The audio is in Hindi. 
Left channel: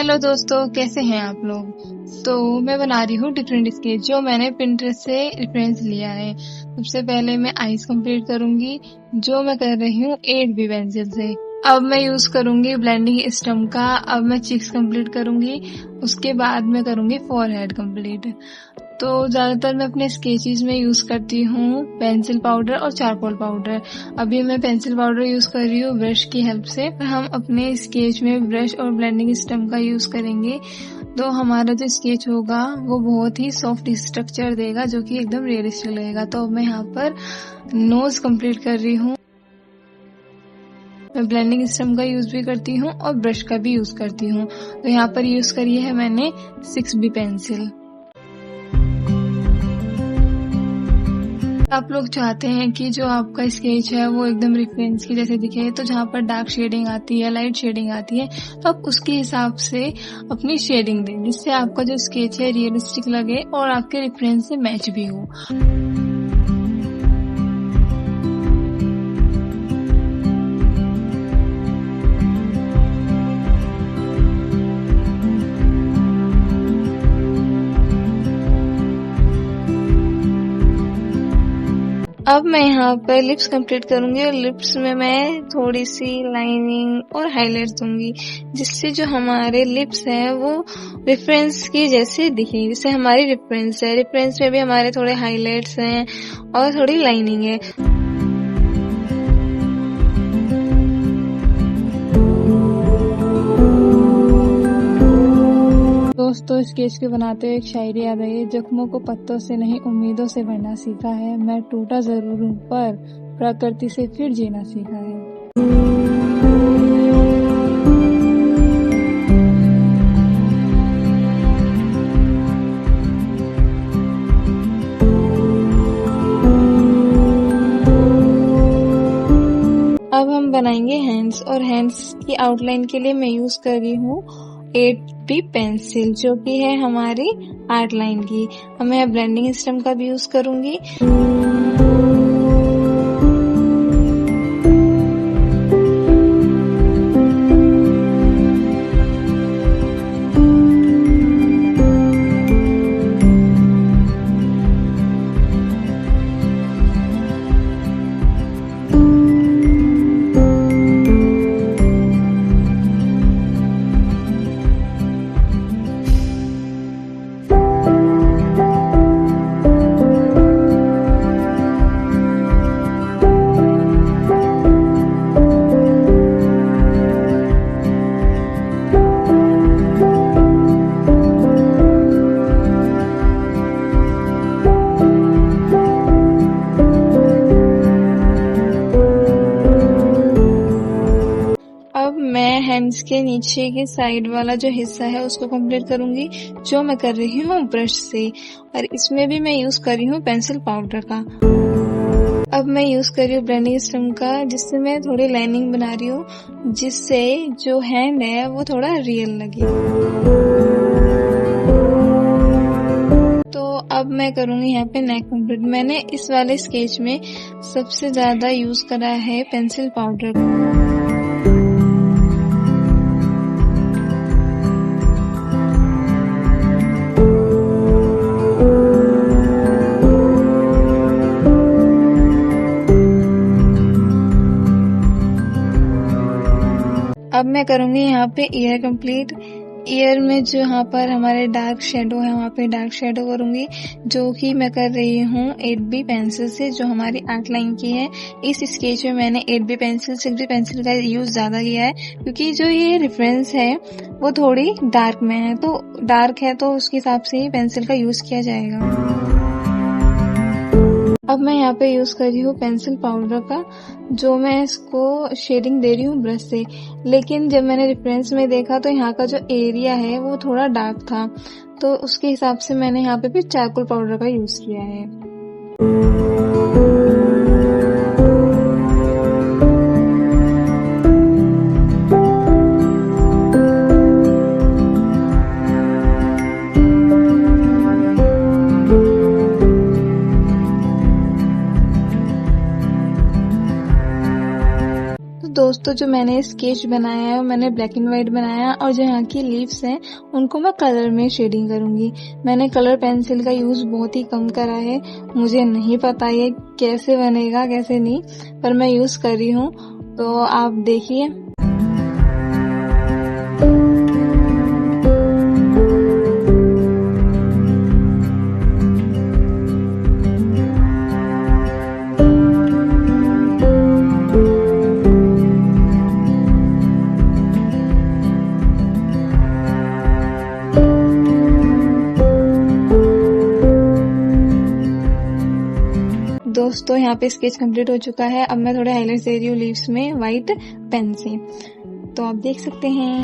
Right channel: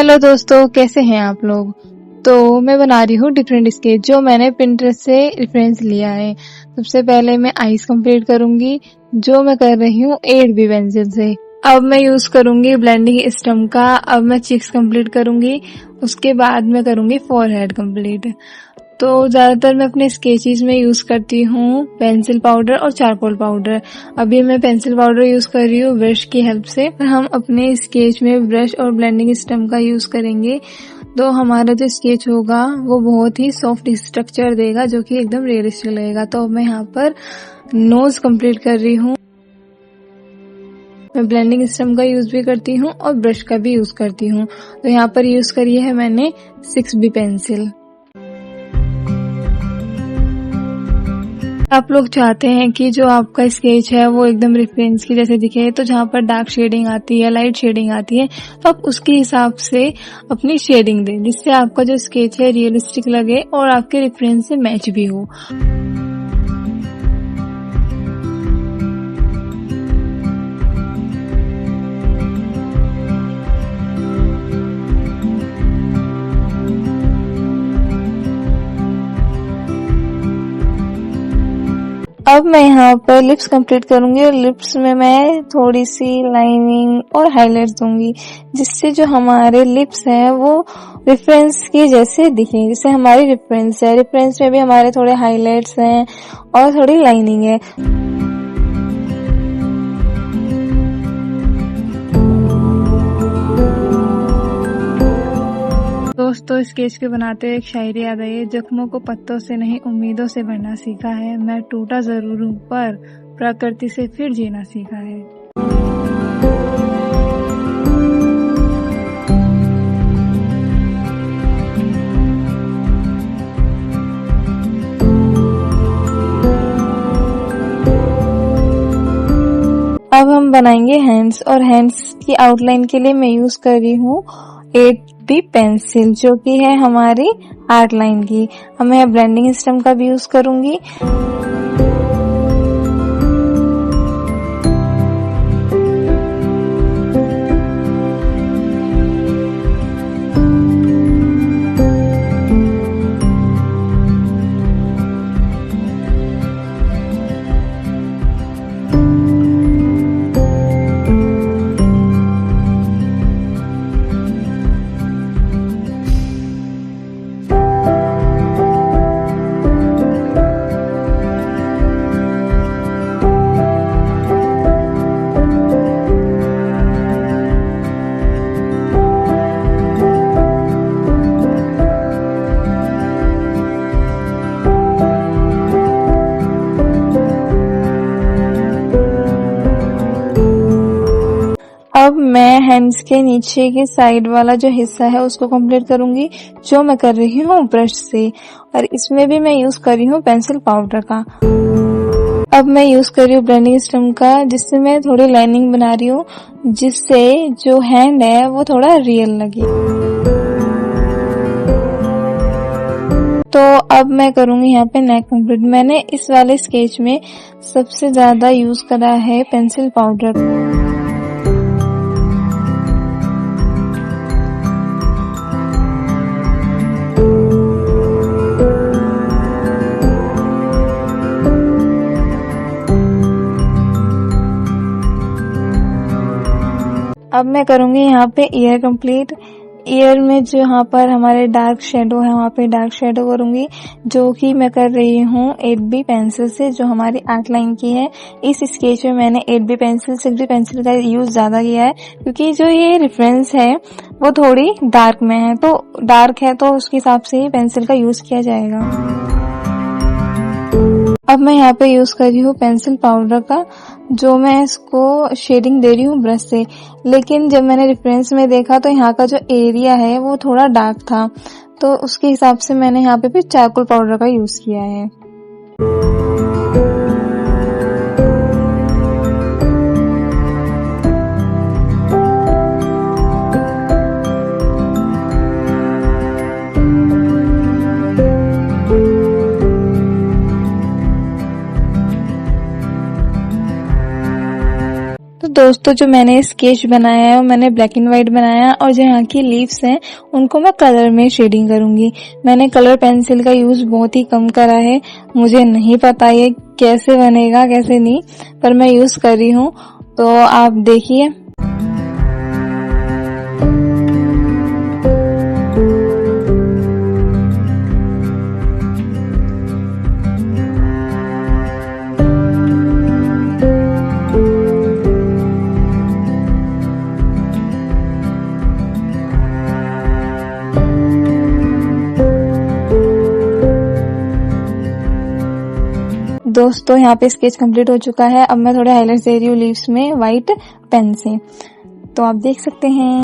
हेलो दोस्तों, कैसे हैं आप लोग। तो मैं बना रही हूँ डिफरेंट स्केच जो मैंने पिंटरेस्ट से रेफरेंस लिया है। सबसे पहले मैं आईज कंप्लीट करूंगी जो मैं कर रही हूँ 8B पेंसिल से। अब मैं यूज करूंगी ब्लेंडिंग स्टम्प का। अब मैं चिक्स कंप्लीट करूंगी, उसके बाद मैं करूंगी फोरहेड कंप्लीट। तो ज्यादातर मैं अपने स्केचेस में यूज करती हूँ पेंसिल पाउडर और चारकोल पाउडर। अभी मैं पेंसिल पाउडर यूज कर रही हूँ ब्रश की हेल्प से। हम अपने स्केच में ब्रश और ब्लेंडिंग स्टम्प का यूज करेंगे तो हमारा जो स्केच होगा वो बहुत ही सॉफ्ट स्ट्रक्चर देगा जो कि एकदम रियलिस्टिक लगेगा। तो मैं यहाँ पर नोज कंप्लीट कर रही हूँ। मैं ब्लेंडिंग स्टम्प का यूज भी करती हूँ और ब्रश का भी यूज करती हूँ। तो यहाँ पर यूज करी है मैंने 6B पेंसिल। आप लोग चाहते हैं कि जो आपका स्केच है वो एकदम रेफरेंस की जैसे दिखे, तो जहाँ पर डार्क शेडिंग आती है, लाइट शेडिंग आती है, तो आप उसके हिसाब से अपनी शेडिंग दें जिससे आपका जो स्केच है रियलिस्टिक लगे और आपके रेफरेंस से मैच भी हो। अब मैं यहाँ पर लिप्स कंप्लीट करूंगी और लिप्स में मैं थोड़ी सी लाइनिंग और हाइलाइट्स दूंगी जिससे जो हमारे लिप्स हैं वो रेफरेंस के जैसे दिखे। जैसे हमारी रेफरेंस है, रेफरेंस में भी हमारे थोड़े हाइलाइट्स हैं और थोड़ी लाइनिंग है। दोस्तों, स्केच के बनाते हुए एक शायरी याद आई है, जख्मों को पत्तों से नहीं उम्मीदों से भरना सीखा है। मैं टूटा जरूर हूँ पर प्रकृति से फिर जीना सीखा है। अब हम बनाएंगे हैंड्स और हैंड्स की आउटलाइन के लिए मैं यूज कर रही हूँ 8B पेंसिल जो कि है हमारी आर्ट लाइन की। अब मैं ब्लेंडिंग स्टम्प का भी यूज करूंगी। अब मैं हैंड्स के नीचे के साइड वाला जो हिस्सा है उसको कंप्लीट करूंगी जो मैं कर रही हूँ ब्रश से, और इसमें भी मैं यूज कर रही हूँ पेंसिल पाउडर का। अब मैं यूज कर रही हूँ ब्लेंडिंग स्टम्प का जिससे मैं थोड़ी लाइनिंग बना रही हूँ जिससे जो हैंड है वो थोड़ा रियल लगे। तो अब मैं करूंगी यहाँ पे नेक कंप्लीट। मैंने इस वाले स्केच में सबसे ज्यादा यूज करा है पेंसिल पाउडर। अब मैं करूंगी यहाँ पे ईयर कंप्लीट। ईयर में जो यहाँ पर हमारे डार्क शेडो है वहाँ पे डार्क शेडो करूंगी जो कि मैं कर रही हूँ 8B पेंसिल से जो हमारी आर्ट लाइन की है। इस स्केच में मैंने 8B पेंसिल 6B पेंसिल का यूज ज्यादा किया है क्योंकि जो ये रेफरेंस है वो थोड़ी डार्क में है, तो डार्क है तो उसके हिसाब से ही पेंसिल का यूज किया जाएगा। अब मैं यहाँ पे यूज कर रही हूँ पेंसिल पाउडर का जो मैं इसको शेडिंग दे रही हूँ ब्रश से। लेकिन जब मैंने रेफरेंस में देखा तो यहाँ का जो एरिया है वो थोड़ा डार्क था, तो उसके हिसाब से मैंने यहाँ पे भी चारकोल पाउडर का यूज किया है। दोस्तों जो मैंने स्केच बनाया है वो मैंने ब्लैक एंड व्हाइट बनाया है, और जो यहाँ की लीव्स हैं उनको मैं कलर में शेडिंग करूंगी। मैंने कलर पेंसिल का यूज बहुत ही कम करा है, मुझे नहीं पता ये कैसे बनेगा कैसे नहीं, पर मैं यूज कर रही हूँ, तो आप देखिए। दोस्तों यहाँ पे स्केच कंप्लीट हो चुका है। अब मैं थोड़े हाइलाइट्स दे रही हूँ लीव्स में व्हाइट पेन से, तो आप देख सकते हैं।